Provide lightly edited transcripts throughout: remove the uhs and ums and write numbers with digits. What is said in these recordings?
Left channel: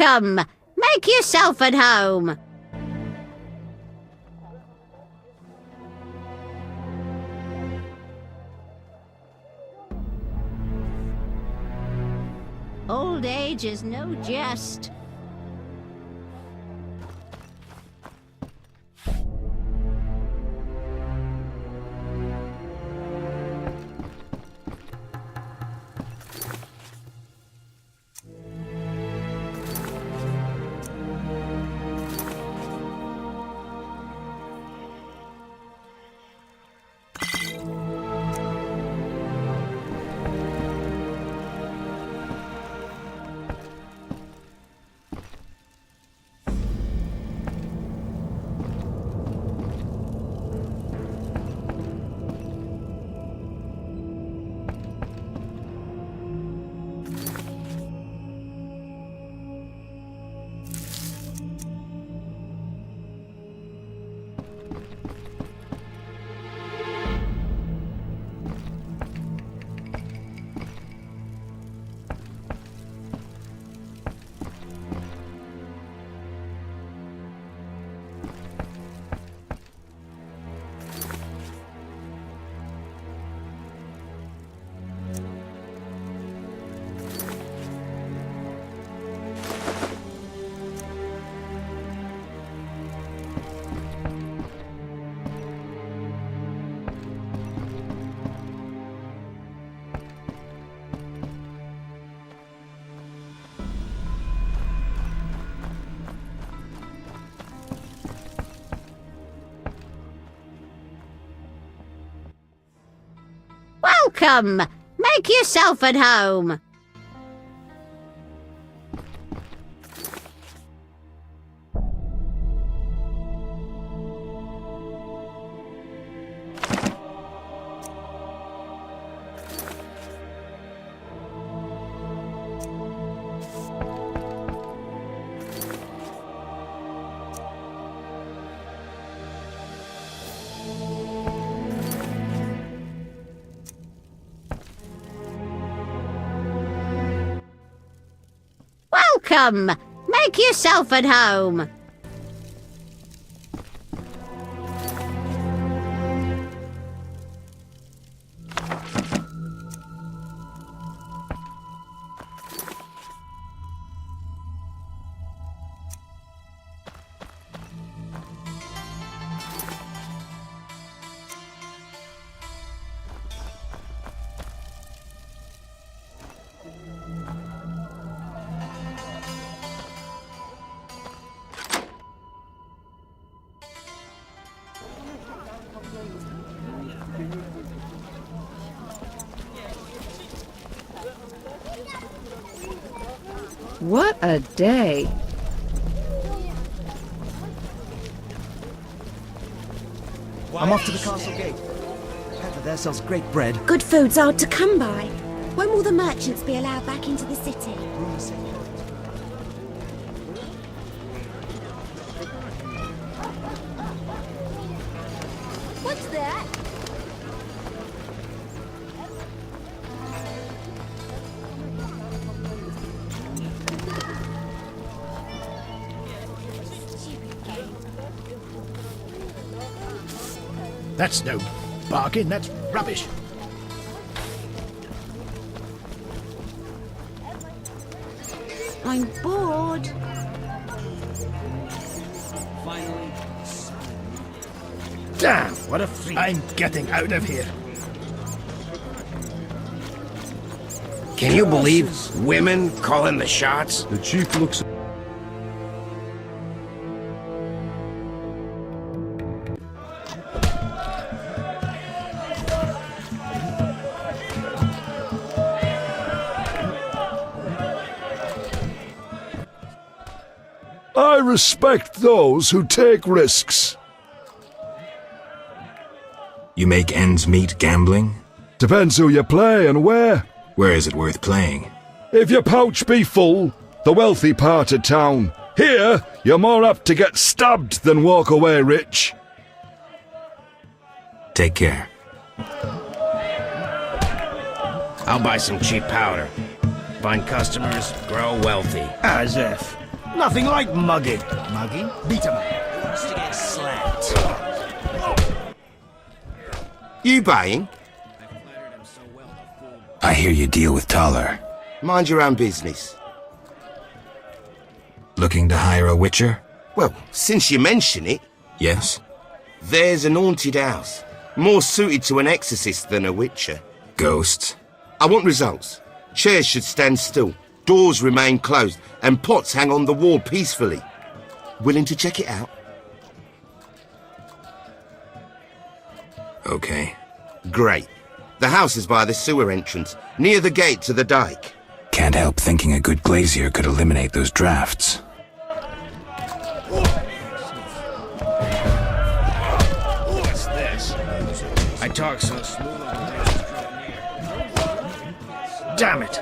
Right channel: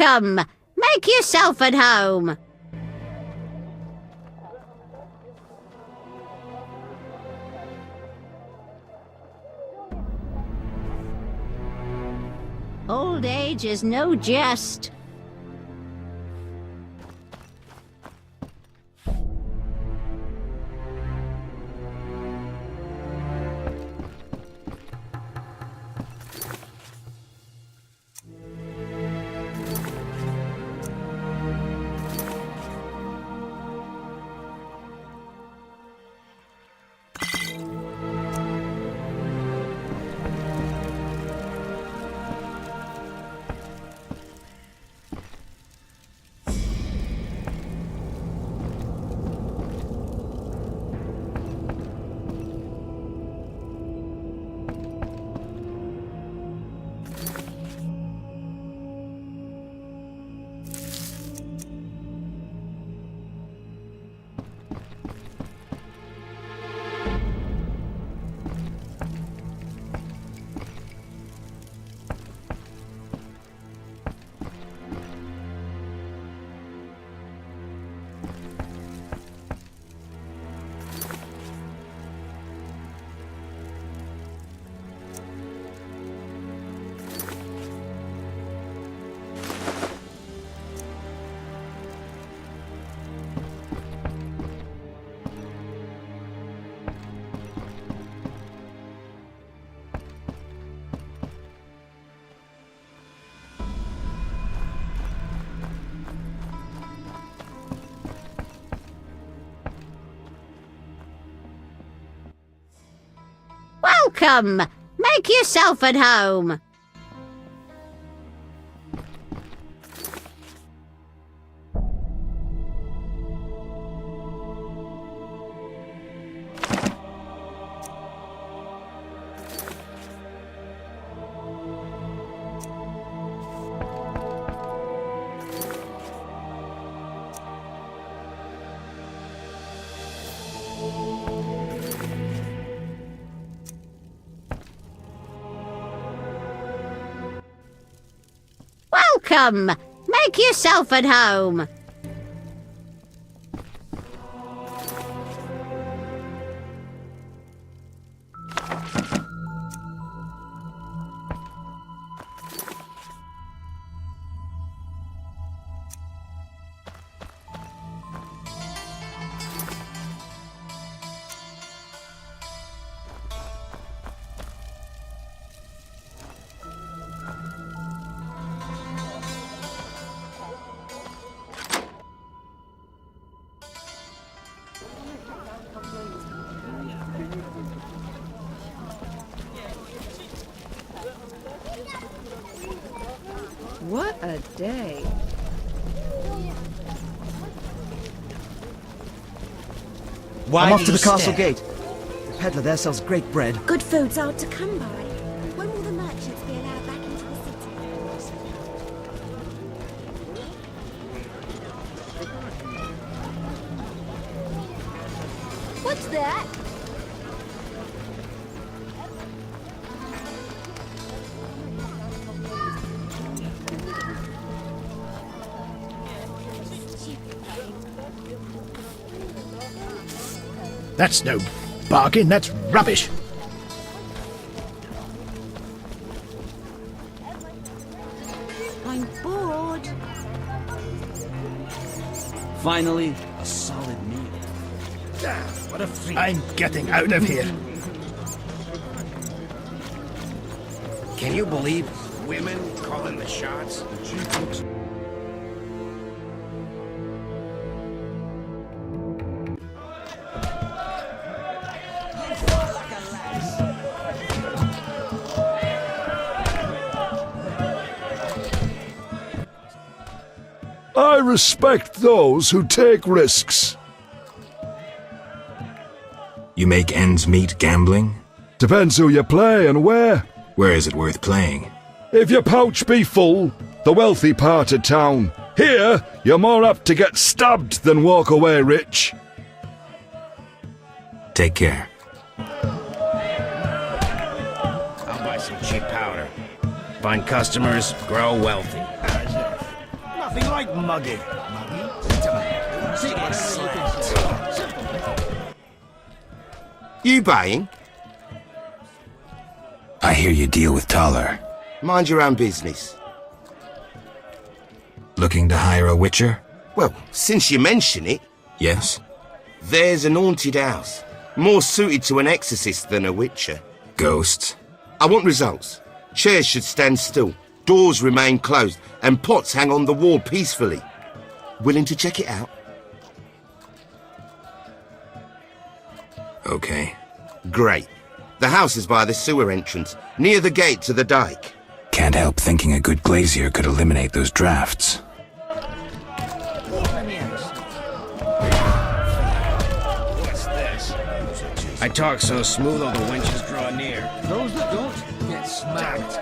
Welcome! Make yourself at home! Old age is no jest. Welcome! Make yourself at home! Welcome! Make yourself at home! What a day! I'm off to the castle gate. The peddler there sells great bread. Good food's hard to come by. When will the merchants be allowed back into the city? What's that? That's no bargain, that's rubbish. I'm bored. Finally, a solid meal. Damn, what a freak. I'm getting out of here. Can you believe women calling the shots? The chief looks... I respect those who take risks. You make ends meet gambling? Depends who you play and where. Where is it worth playing? If your pouch be full, the wealthy part of town. Here, you're more apt to get stabbed than walk away rich. Take care. I'll buy some cheap powder. Find customers, grow wealthy. As if. Nothing like mugging. Mugging? Beat 'em up. You buying? I hear you deal with Taller. Mind your own business. Looking to hire a witcher? Well, since you mention it, Yes? there's an haunted house. More suited to an exorcist than a witcher. Ghosts? I want results. Chairs should stand still, doors remain closed, and pots hang on the wall peacefully. Willing to check it out? Okay. Great. The house is by the sewer entrance, near the gate to the dike. Can't help thinking a good glazier could eliminate those drafts. What's this? I talk so smooth all the wenches draw near. Damn it.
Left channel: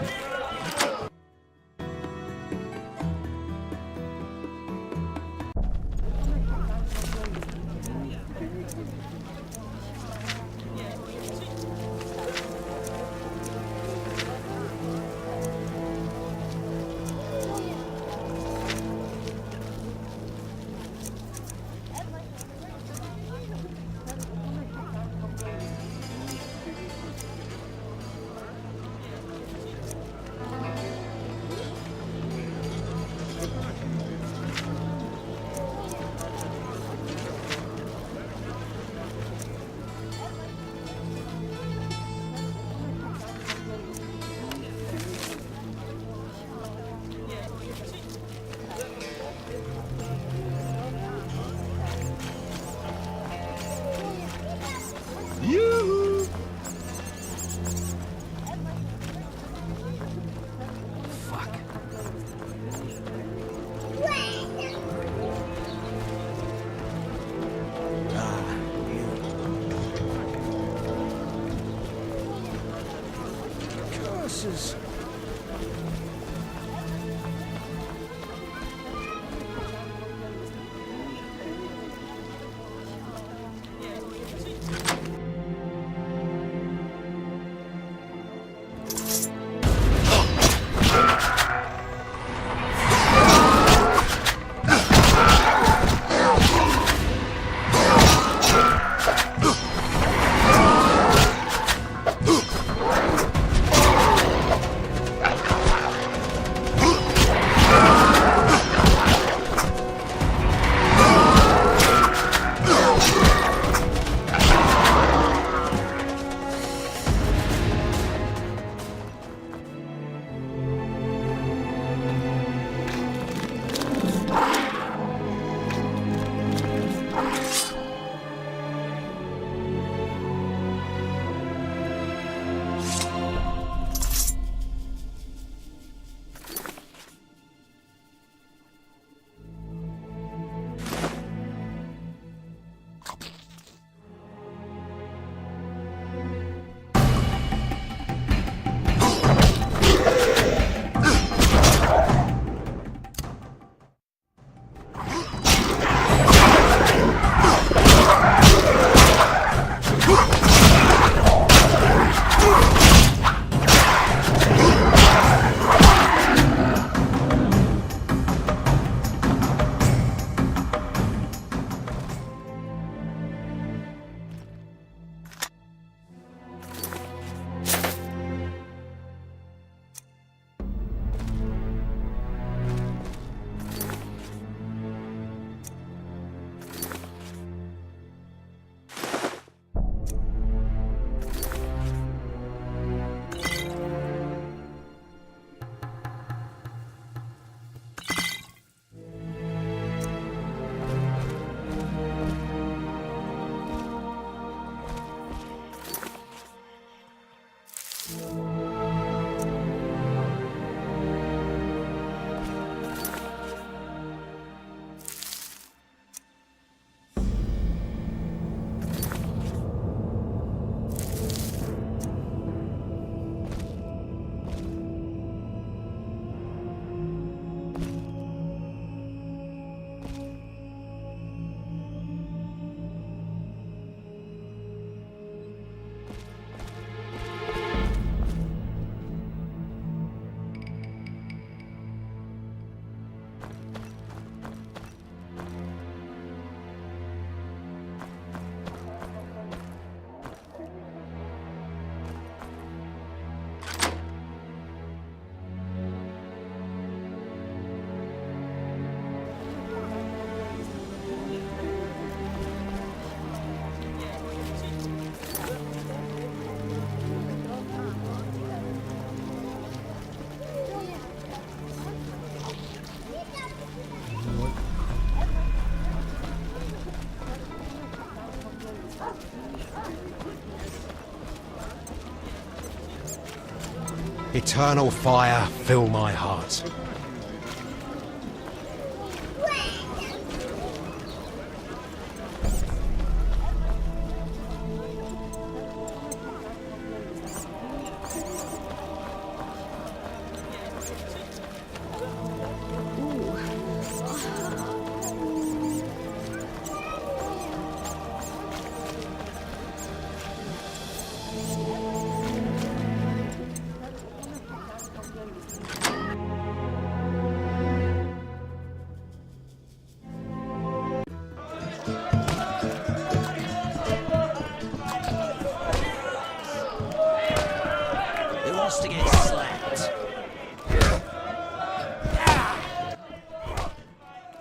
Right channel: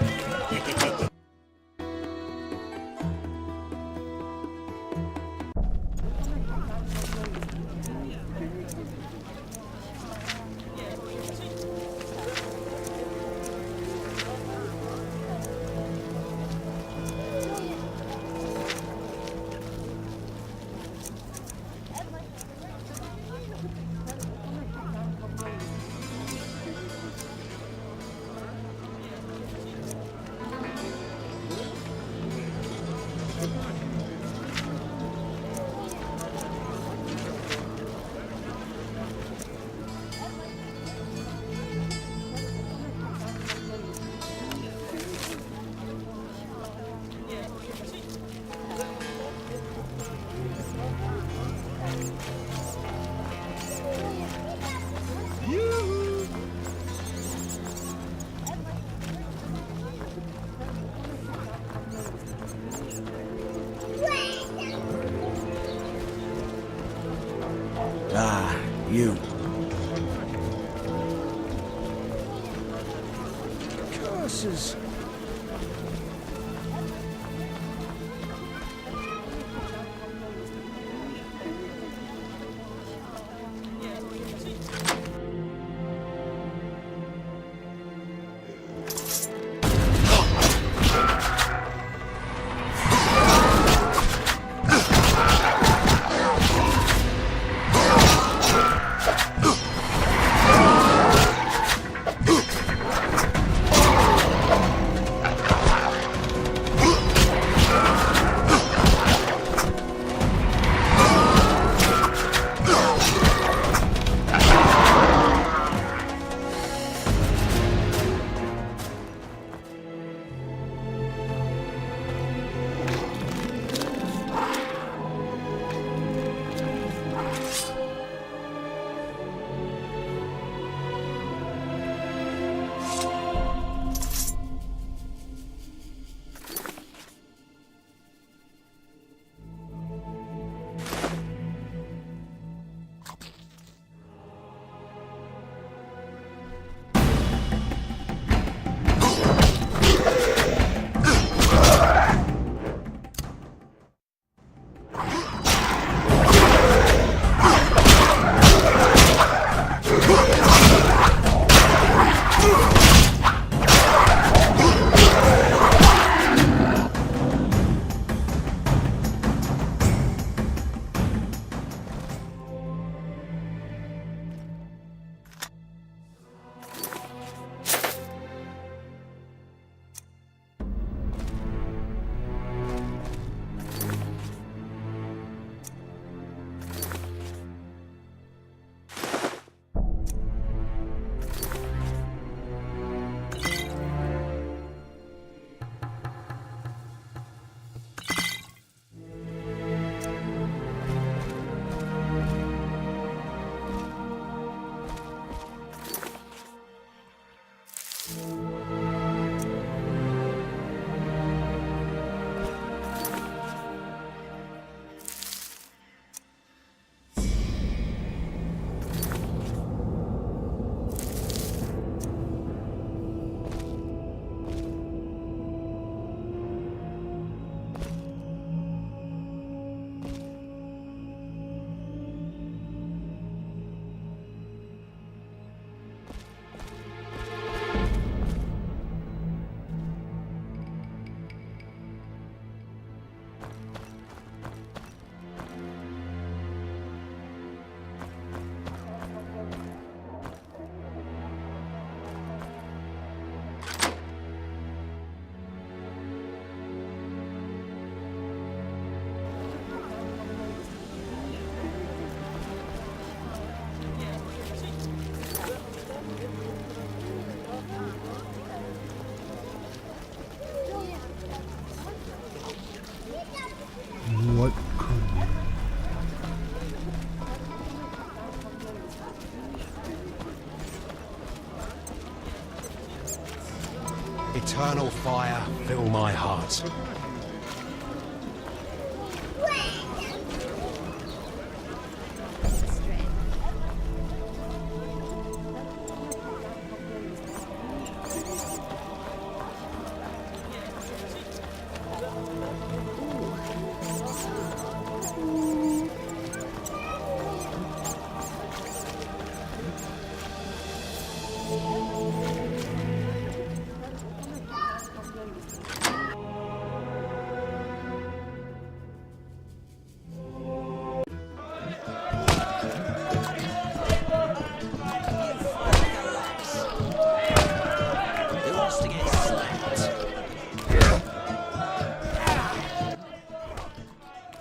You. Curses. Eternal fire, fill my heart.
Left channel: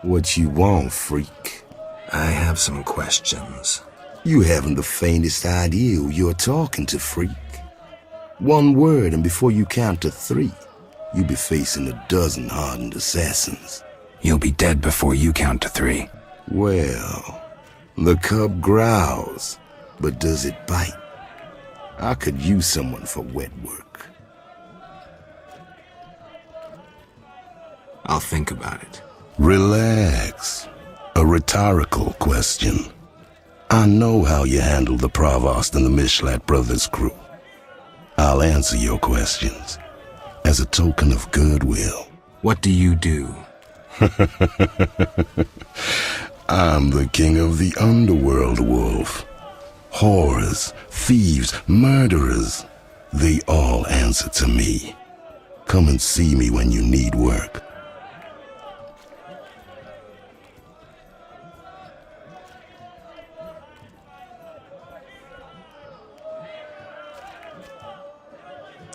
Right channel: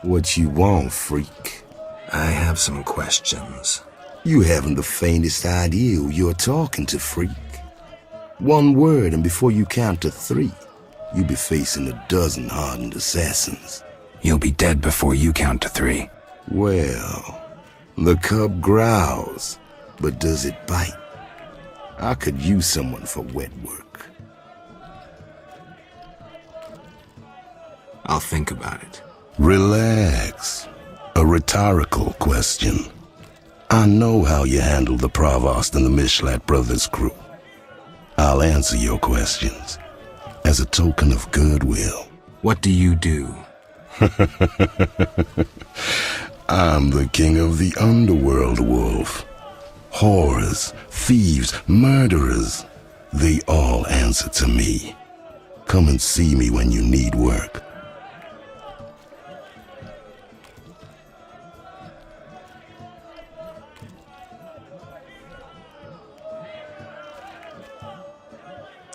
What you want, freak? I have some questions. You haven't the faintest idea who you're talking to, freak. One word, and before you count to 3, you'll be facing a dozen hardened assassins. You'll be dead before you count to 3. Well, the cub growls, but does it bite? I could use someone for wet work. I'll think about it. Relax. A rhetorical question. I know how you handled the Provost and the Mishlat brothers' crew. I'll answer your questions as a token of goodwill. What do you do? I'm the king of the underworld, Wolf. Whores, thieves, murderers, they all answer to me. Come and see me when you need work.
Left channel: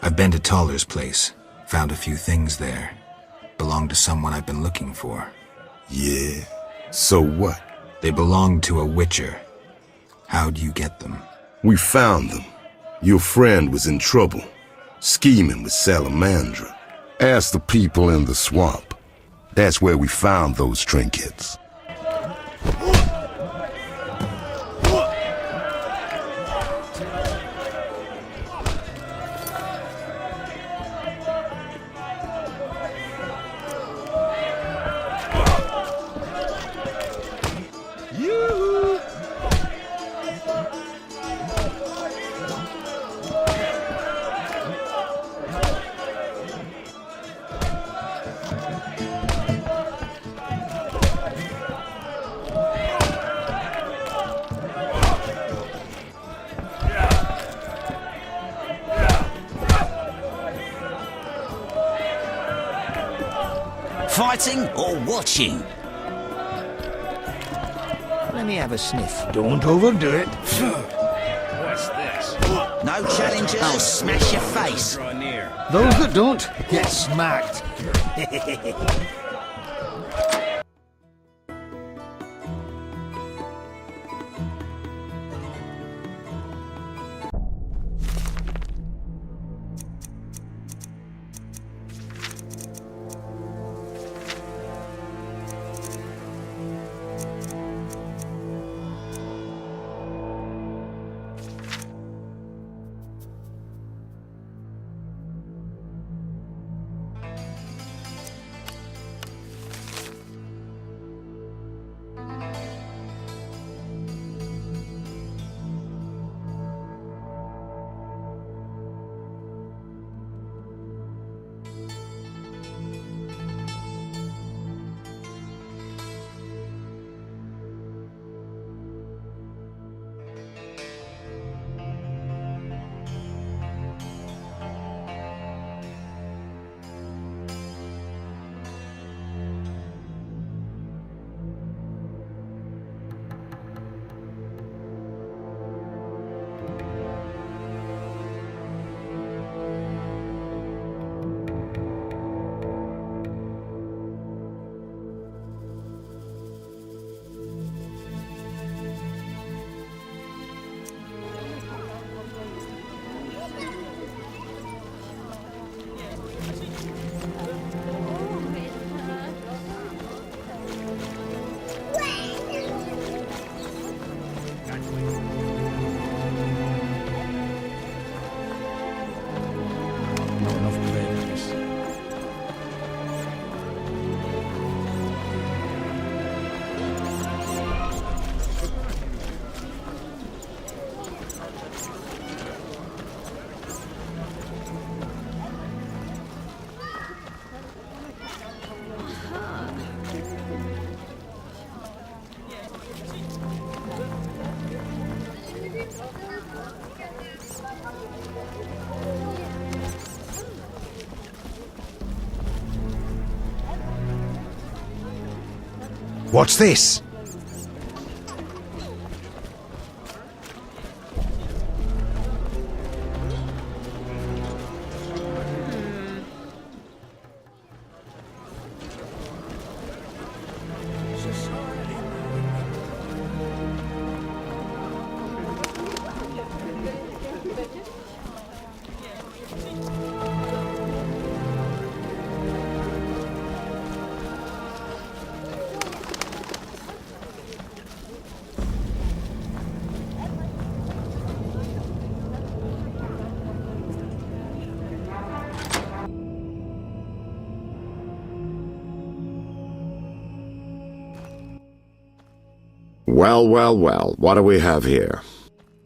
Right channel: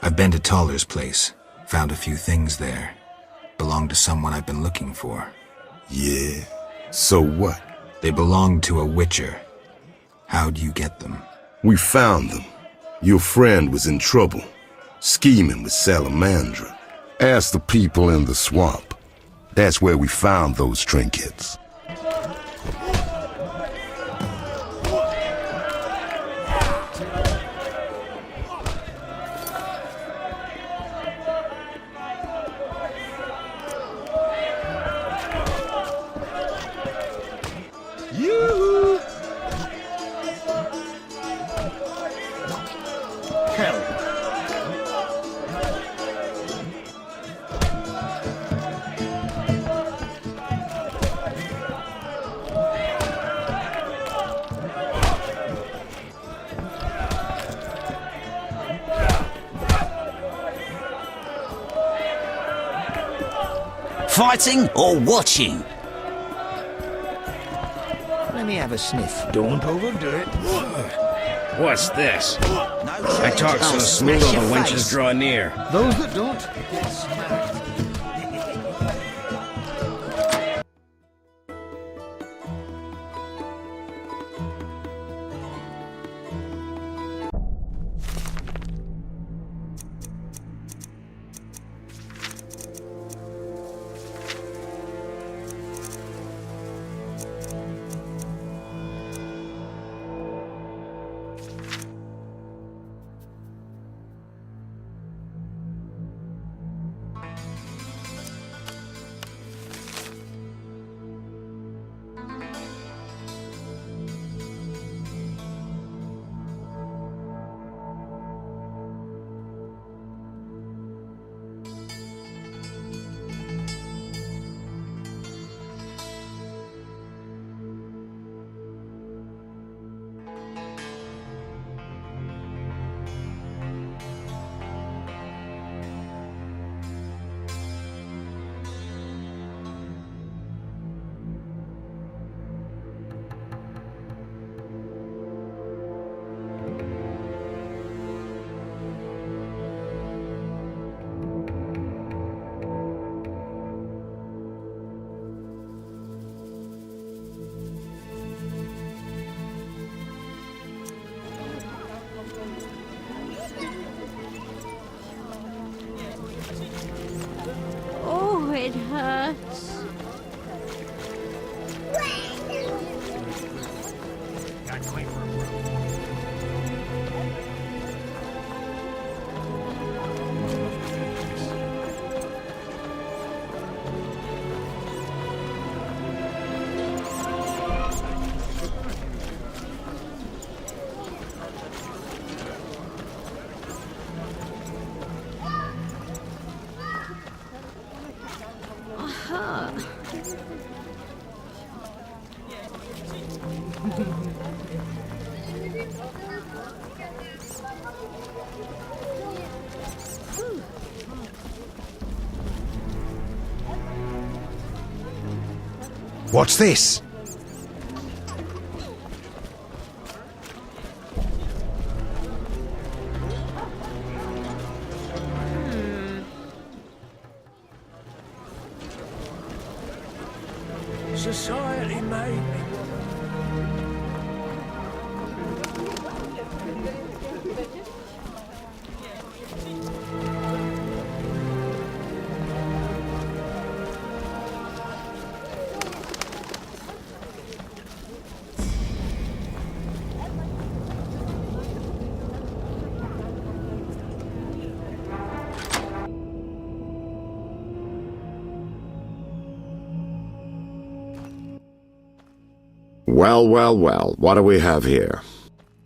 I've been to Taller's place. Found a few things there. Belong to someone I've been looking for. Yeah? So what? They belong to a witcher. How'd you get them? We found them. Your friend was in trouble, scheming with Salamandra. Ask the people in the swamp. That's where we found those trinkets. Fighting or watching? Let me have a sniff. Don't overdo it. What's this? No I challenge. talk I'll so smash smooth your the wenches face. draw near. Those that don't, get smacked. Oh, it hurts. Not enough What's this? Society made me. Well, well, well, what do we have here?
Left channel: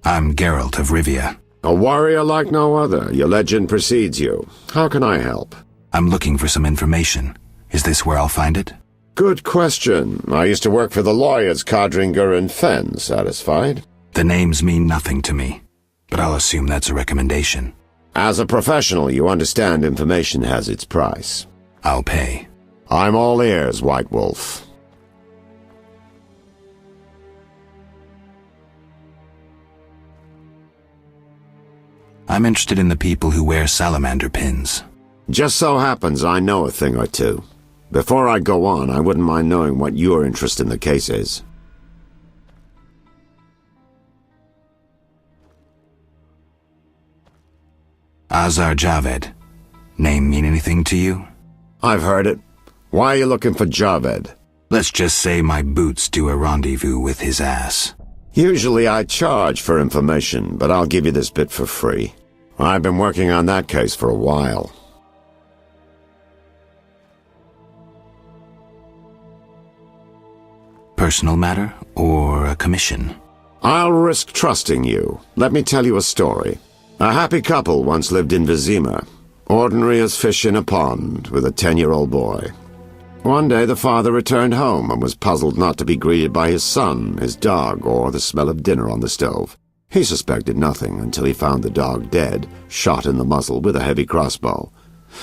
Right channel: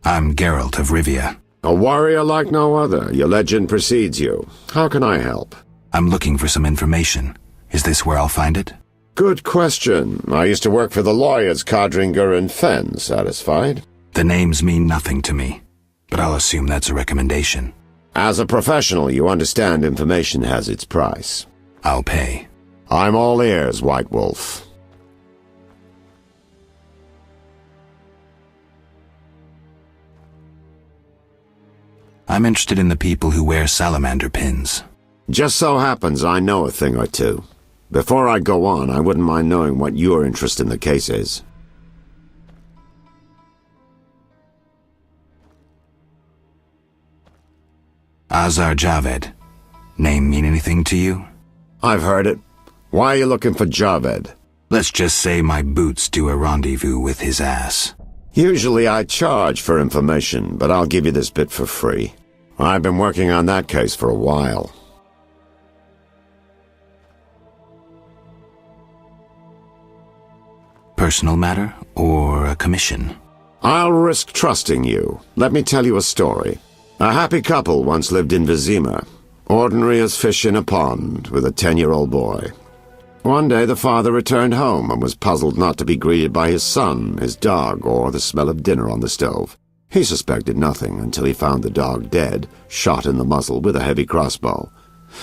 I'm Geralt of Rivia. A warrior like no other. Your legend precedes you. How can I help? I'm looking for some information. Is this where I'll find it? Good question. I used to work for the lawyers Codringer and Fenn. Satisfied? The names mean nothing to me, but I'll assume that's a recommendation. As a professional, you understand information has its price. I'll pay. I'm all ears, White Wolf. I'm interested in the people who wear salamander pins. Just so happens I know a thing or two. Before I go on, I wouldn't mind knowing what your interest in the case is. Azar Javed. Name mean anything to you? I've heard it. Why are you looking for Javed? Let's just say my boots do a rendezvous with his ass. Usually I charge for information, but I'll give you this bit for free. I've been working on that case for a while. Personal matter or a commission? I'll risk trusting you. Let me tell you a story. A happy couple once lived in Vizima, ordinary as fish in a pond, with a 10-year-old boy. One day the father returned home and was puzzled not to be greeted by his son, his dog, or the smell of dinner on the stove. He suspected nothing until he found the dog dead, shot in the muzzle with a heavy crossbow.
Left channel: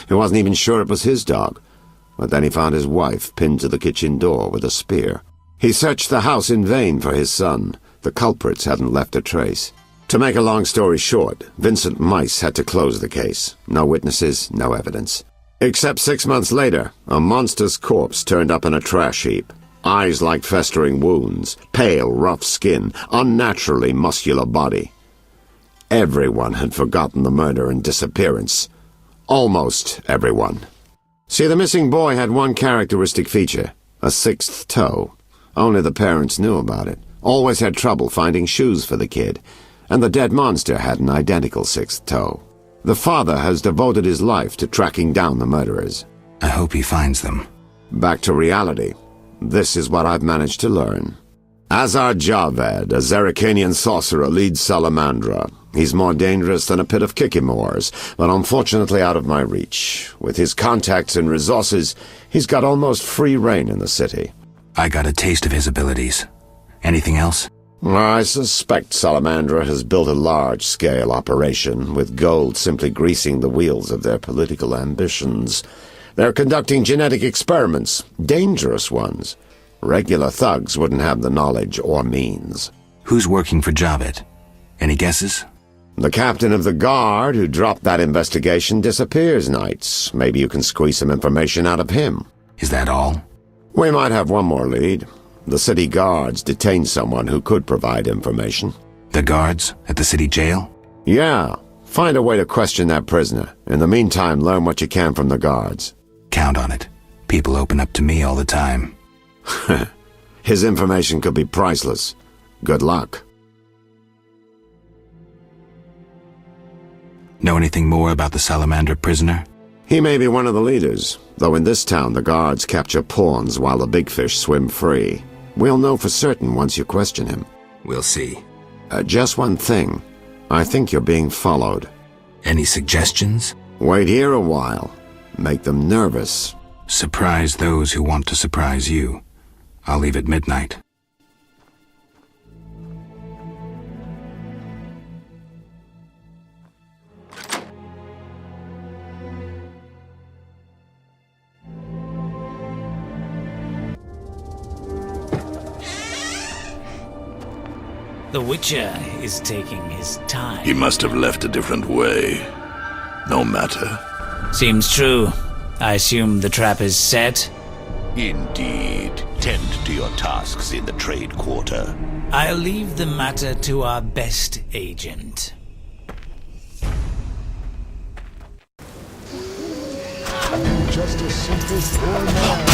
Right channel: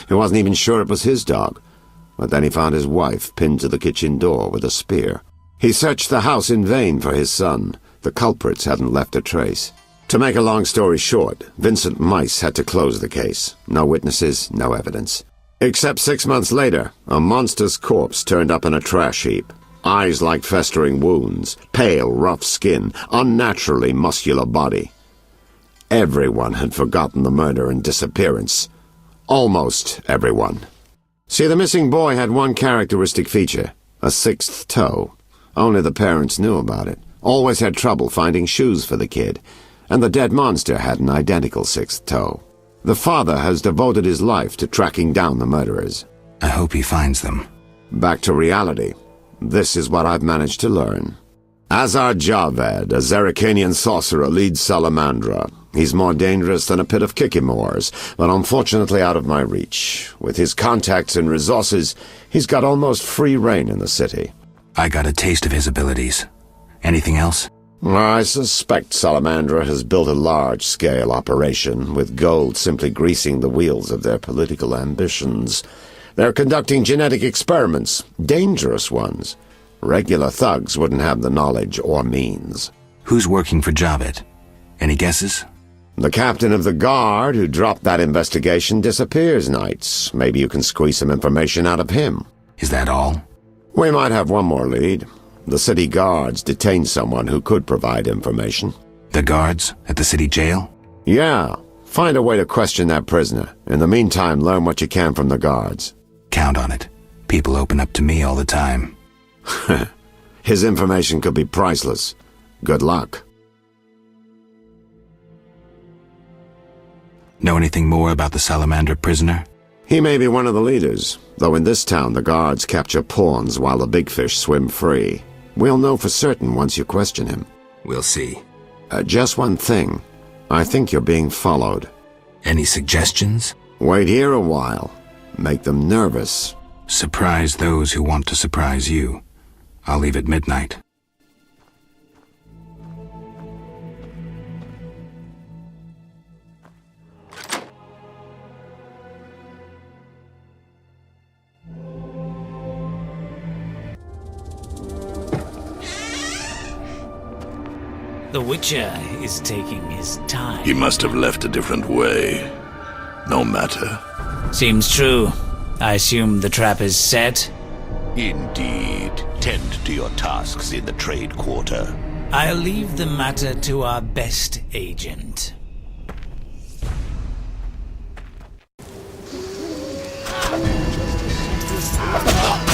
He wasn't even sure it was his dog, but then he found his wife pinned to the kitchen door with a spear. He searched the house in vain for his son. The culprits hadn't left a trace. To make a long story short, Vincent Mice had to close the case. No witnesses, no evidence. Except 6 months later, a monster's corpse turned up in a trash heap. Eyes like festering wounds, pale, rough skin, unnaturally muscular body. Everyone had forgotten the murder and disappearance. Almost everyone. See, the missing boy had one characteristic feature, a 6th toe. Only the parents knew about it. Always had trouble finding shoes for the kid. And the dead monster had an identical 6th toe. The father has devoted his life to tracking down the murderers. I hope he finds them. Back to reality. This is what I've managed to learn. Azar Javed, a Zerrikanian sorcerer, leads Salamandra. He's more dangerous than a pit of Kikimors, but unfortunately out of my reach. With his contacts and resources, he's got almost free reign in the city. I got a taste of his abilities. Anything else? I suspect Salamandra has built a large-scale operation, with gold simply greasing the wheels of their political ambitions. They're conducting genetic experiments, dangerous ones. Regular thugs wouldn't have the knowledge or means. Who's working for Javed? Any guesses? The captain of the guard who dropped that investigation disappears nights. Maybe you can squeeze some information out of him. Is that all? We might have one more lead. The city guards detained someone who could provide information. The guards at the city jail? Yeah. Find a way to question that prisoner. In the meantime, learn what you can from the guards. Count on it. People open up to me all the time. His information could be priceless. Good luck. Know anything more about the Salamander prisoner? He may be one of the leaders, though in this town the guards capture pawns while the big fish swim free. We'll know for certain once you question him. We'll see. Just one thing. I think you're being followed. Any suggestions? Wait here a while. Make them nervous. Surprise those who want to surprise you. I'll leave at midnight. The Witcher is taking his time. He must have left a different way. No matter. Seems true. I assume the trap is set? Indeed. Tend to your tasks in the trade quarter. I'll leave the matter to our best agent. Just a simple fool.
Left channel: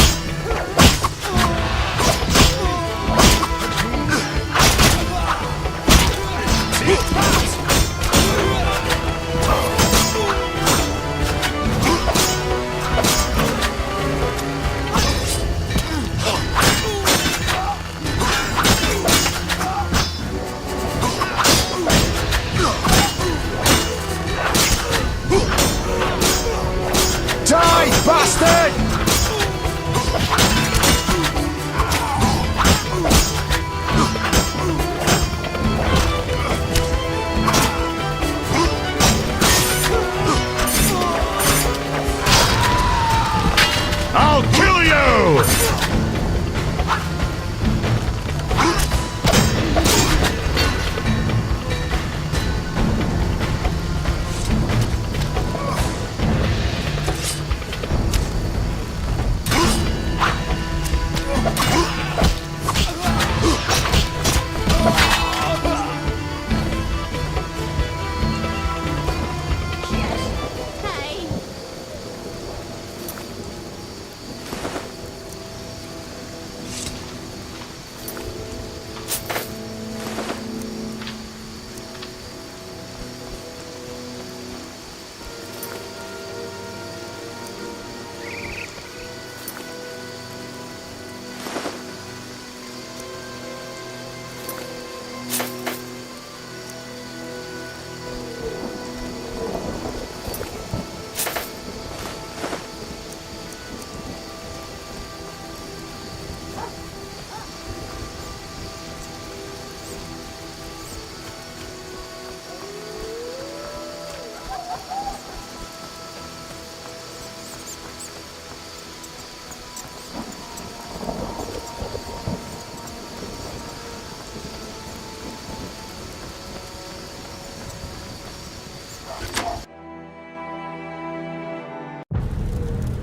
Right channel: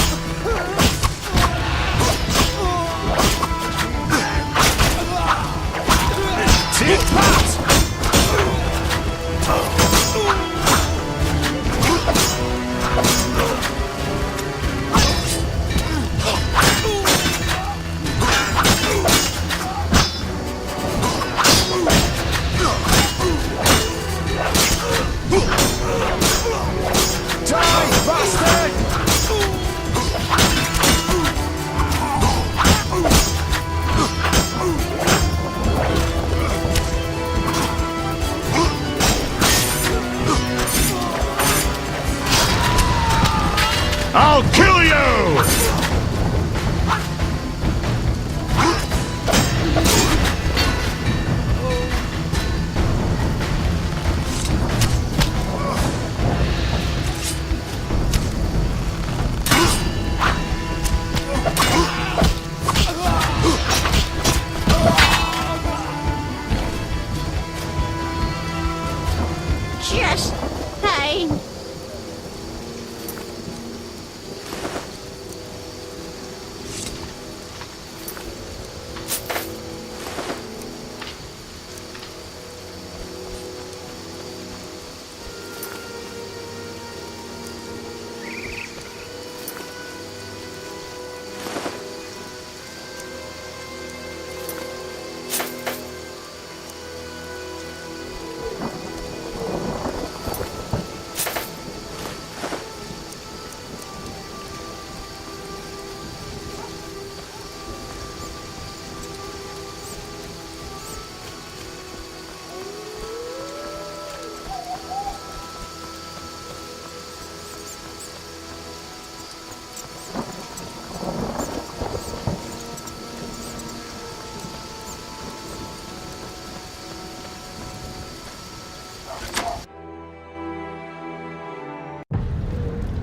I'll kill you! Just pain.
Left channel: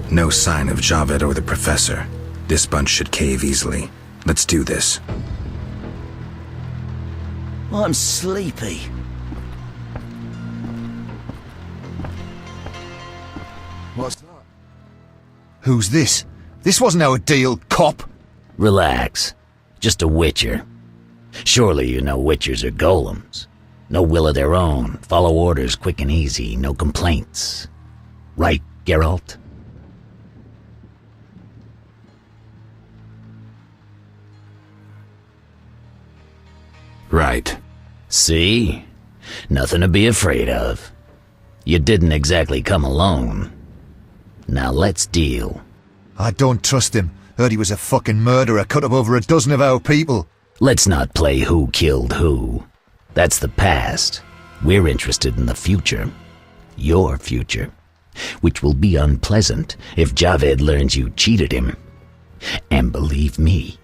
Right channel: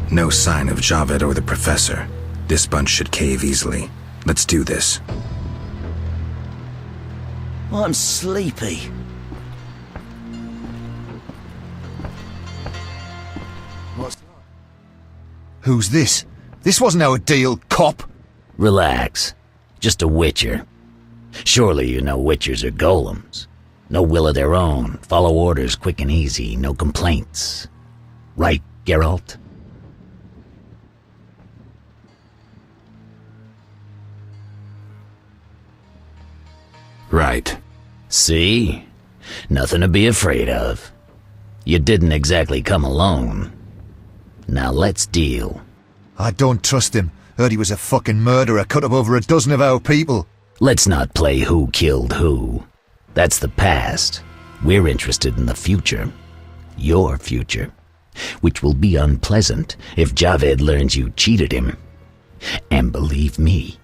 No sign of Javed or the Professor. This bunch should cave easily. Let's do this. I'm sleepy. What's that? Who's this? This wasn't our deal, cop. Relax. Just a witcher. Surely you know witchers are golems. No will of their own. Follow orders quick and easy. No complaints. Right, Geralt? Right. See? Nothing to be afraid of. You didn't exactly come alone. Now let's deal. I don't trust him. Heard he was a fucking murderer, cut up over a dozen of our people. Let's not play who killed who. That's the past. We're interested in the future. Your future. Which will be unpleasant if Javed learns you cheated him. And believe me,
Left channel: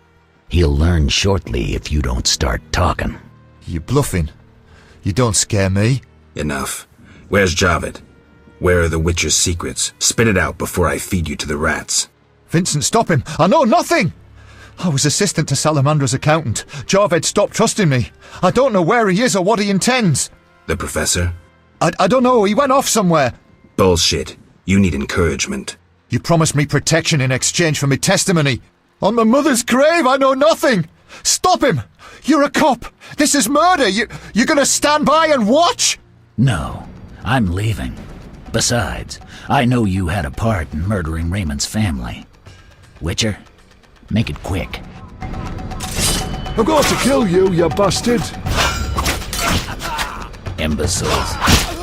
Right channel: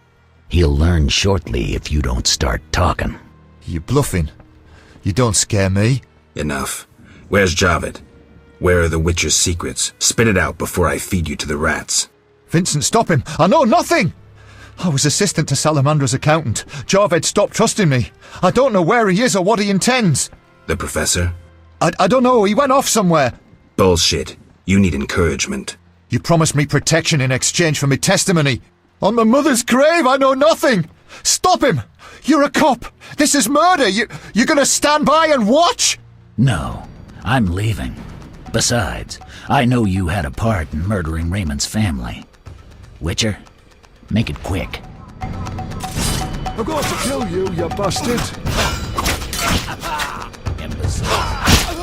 he'll learn shortly if you don't start talking. You bluffing? You don't scare me. Enough. Where's Javed? Where are the Witcher's secrets? Spit it out before I feed you to the rats. Vincent, stop him! I know nothing! I was assistant to Salamandra's accountant. Javed stopped trusting me. I don't know where he is or what he intends. The Professor? I don't know. He went off somewhere. Bullshit. You need encouragement. You promised me protection in exchange for my testimony. On my mother's grave, I know nothing. Stop him! You're a cop. This is murder. You're gonna stand by and watch? No, I'm leaving. Besides, I know you had a part in murdering Raymond's family. Witcher, make it quick. I'm going to kill you, you bastard! Imbeciles.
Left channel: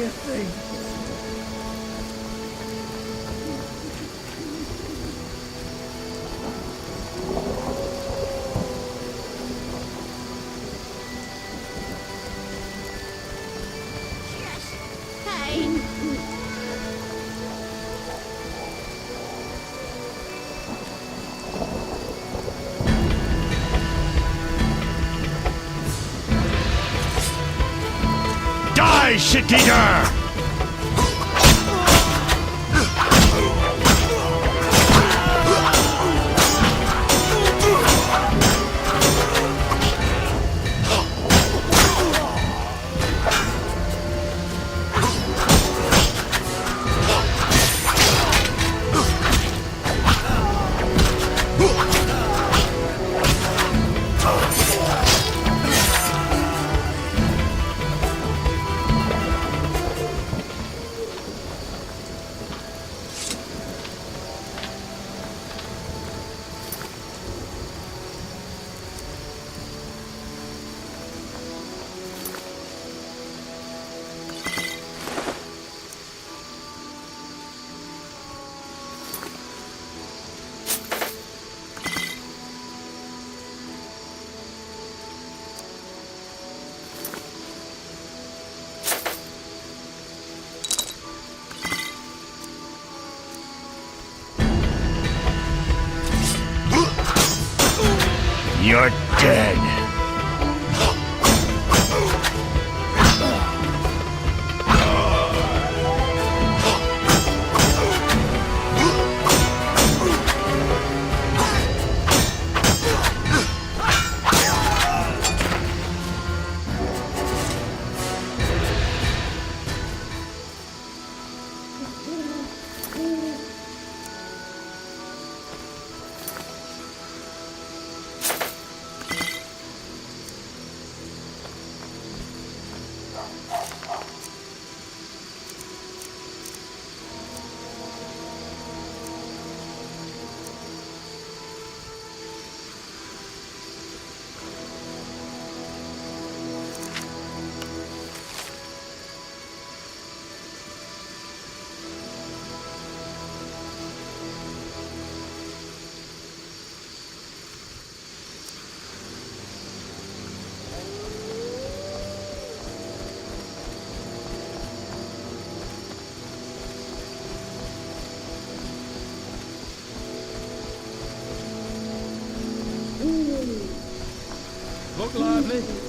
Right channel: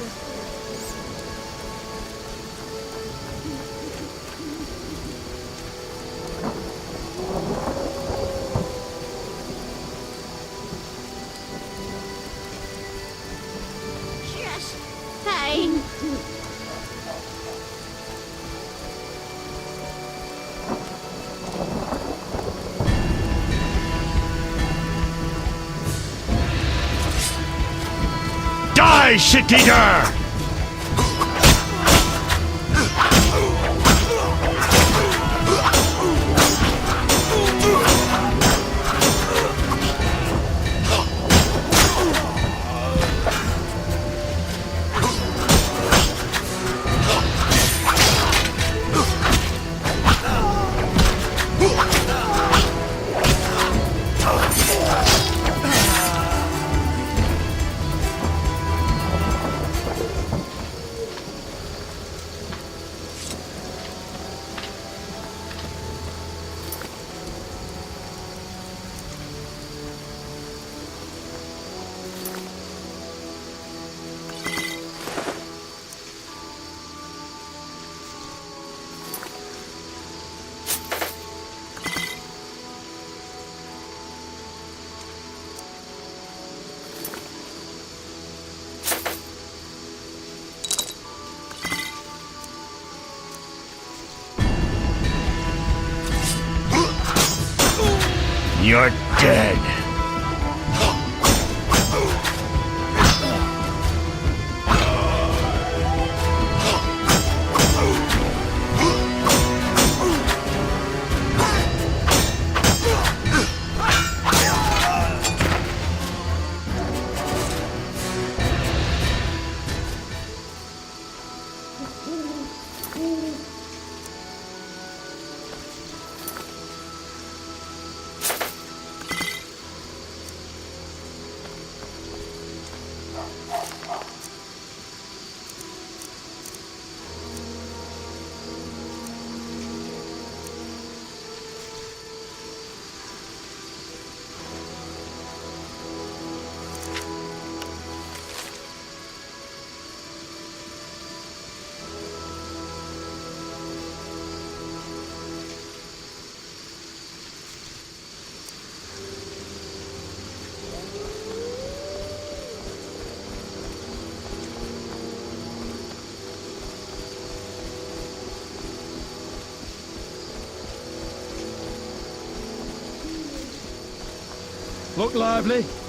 Just pain. Die, shit-eater! You're dead. Look lively.